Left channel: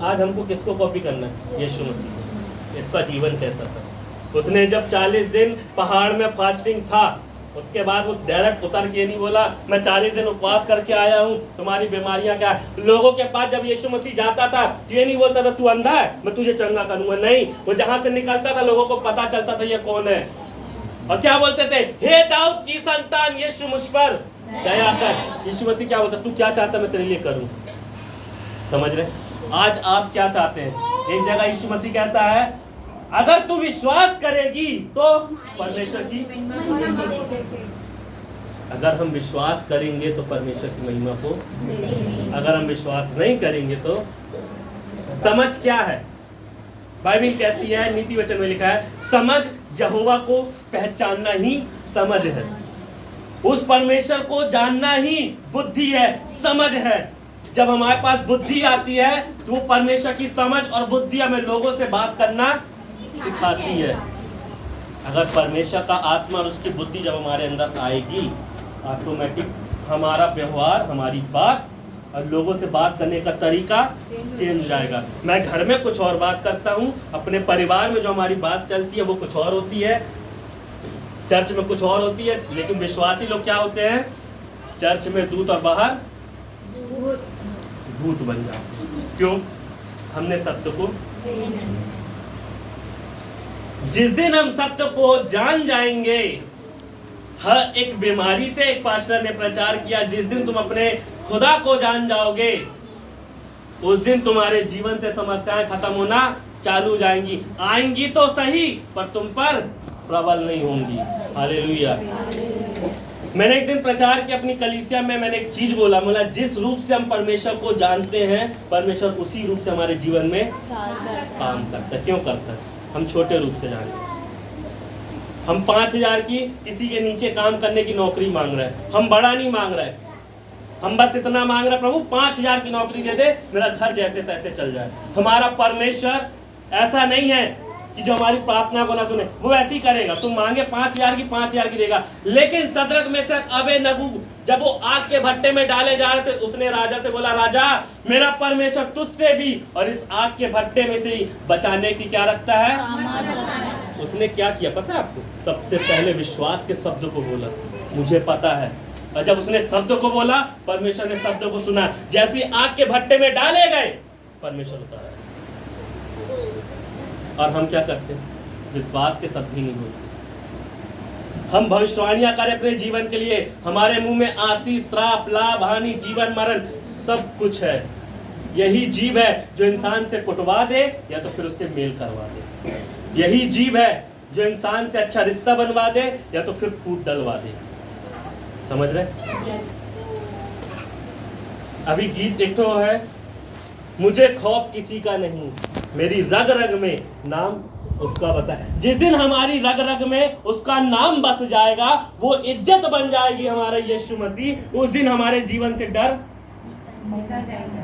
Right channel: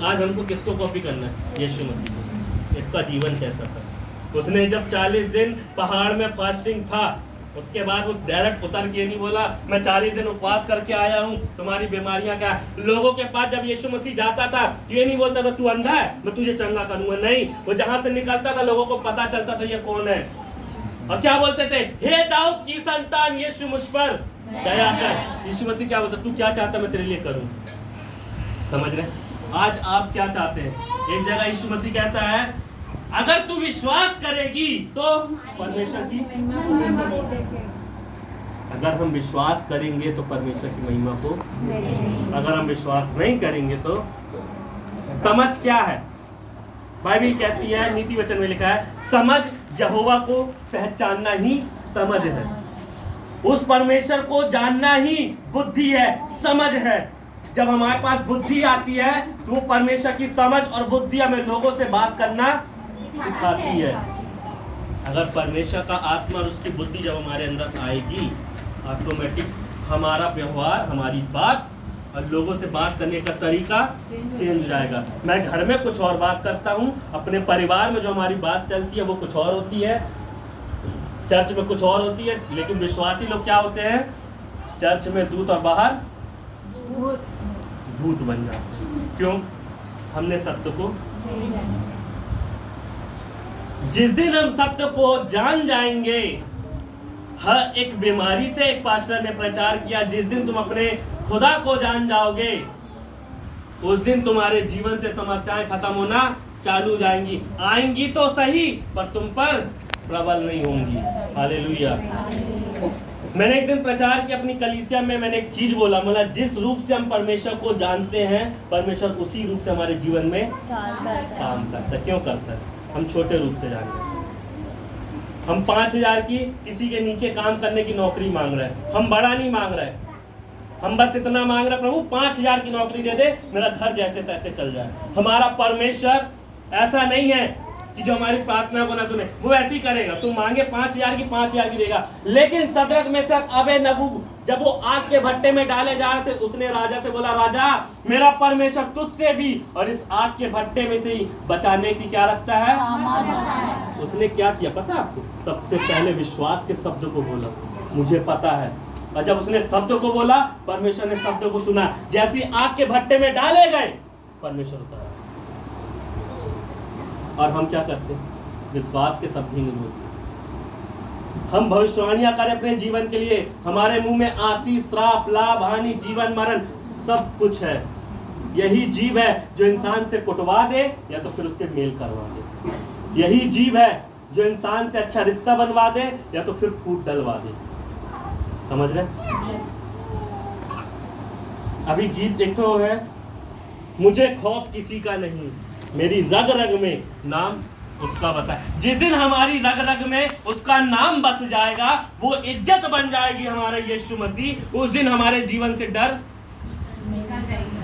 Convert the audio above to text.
आज हमको किसको कॉपी करना है? यीशु मसीह को। इसका जीवन कैसा था? उसने जब 40 दिन पहाड़ में फास्टिंग था, उसके बाद वो डायरेक्ट उतर के नहीं बोला मैं 40 दिन उपवास करके आया हूँ, तुम्हारी बीमारियां क्या। लोगों के पास जब यीशु मसीह जाता था ये नहीं बोलता था तू अंधा है मैं तुझे चंगा करूंगा, नहीं, वो जहां से निकलता था लोगों को पता चलता था ये कौन है। और क्या बोलते थे? हे दाऊद की संतान यीशु मुझ पर दया कर। यीशु मसीह क्या बोलता? तू क्या चाहता मैं तेरे लिए करूं? समझ रहे? आज आप क्या चाहते हैं? एक जगह यीशु मसीह कहता है अगर तू विश्वास करेगी तो परमेश्वर की, अगर हम विश्वास करेंगे तो परमेश्वर की महिमा को, अगर हम विश्वास नहीं करेंगे तो। समझ क्या है? बाइबल कहती है, नीति वचन में लिखा है, समझ यहोवा को पहचानना ही समझ है। उस परमेश्वर को जानना ही बुद्धि है, समझ है। जब हमारे पास बुद्धि आती है तो वो परमेश्वर की समझ और बुद्धि हमें लोगों से बात करना सिखाती है। अगर परमेश्वर का आत्मा और उसकी बुद्धि जब हमारे अंदर आएगी, ऑटोमेटिक हमारा व्यवहार, हमारी बात और लोगों से बात करने का तरीका चेंज हो जाएगा। मैं घर में कुछ और बात करता हूँ, अपने परिवार में जो हमारी बात चलती है वो कुछ और होती है, चर्च में कुछ और होती है। लेकिन विश्वासी लोग क्या होते हैं? चर्च में दूत और बाहर भूत बन जाते हैं। क्यों? हमने सत्य को, जिस दिन हम सत्य को जान जाएंगे, हर एक बीमारी से, एक पास्टर ने प्रचार किया, जिस दिन तुम अपने खुदा को जान जाओगे उस दिन तुम्हारे जीवन से समस्याएं खत्म होना चालू हो जाएंगी। आएंगी तो सही पर तुम पर प्रबल नहीं होंगी। हालेलुया। मैंने एक दिन प्रचार किया अपनी कलीसिया में, मैंने एक चीज बोला जिस रूप से हम परमेश्वर को जानते हैं परमेश्वर उसी रूप से हमारे जीवन में काम करता है। क्यों करता है? हम छोटे रूप से जानते हैं। हम 5,000 की किसी के नीचे काम करने की नौकरी मांग रहे हैं, हम बड़ा नहीं मांग रहे, हम बस इतना मांग रहे प्रभु 5,000 की नौकरी दे दे, मेरा घर जैसे तैसे चल जाए। हमारा परमेश्वर ऐसा नहीं है कि जो हमारी प्रार्थना को ना सुने, वो ऐसी करेगा। तुम मांगे 5,000 की 5,000 की देगा। लेकिन सदरक मेशक अबेदनगो जब वो आग के भट्टे में डाले जा रहे थे, उसने राजा से बोला राजा मेरा परमेश्वर तुझसे भी और इस आग के भट्टे में से ही बचाने की क्या रखता है। उसने क्या किया पता है आपको? सबसे पहले विश्वास के शब्द को बोला, मुझे पता है। और जब उसने शब्द को बोला परमेश्वर ने शब्द को सुना। जैसी आग के भट्टे में डाले गए परमेश्वर उतारा। और हम क्या करते हैं? विश्वास के शब्द ही नहीं बोलते। हम भविष्यवाणियां करें अपने जीवन के लिए, हमारे मुंह में आशीष, श्राप, लाभ, हानि, जीवन, मरण सब कुछ है। यही जीव है जो इंसान से कुटवा दे या तो फिर उससे मेल करवा दे। यही जीव है जो इंसान से अच्छा रिश्ता बनवा दे या तो फिर फूट डलवा दे। समझ रहे? अभी गीत एक तो है, मुझे खौफ किसी का नहीं, मेरी रग रग में नाम उसका बसा। जिस दिन हमारी रग रग में उसका नाम बस जाएगा, वो इज्जत बन जाएगी हमारा यीशु मसीह, उस दिन हमारे जीवन से डर निकल जाएगा।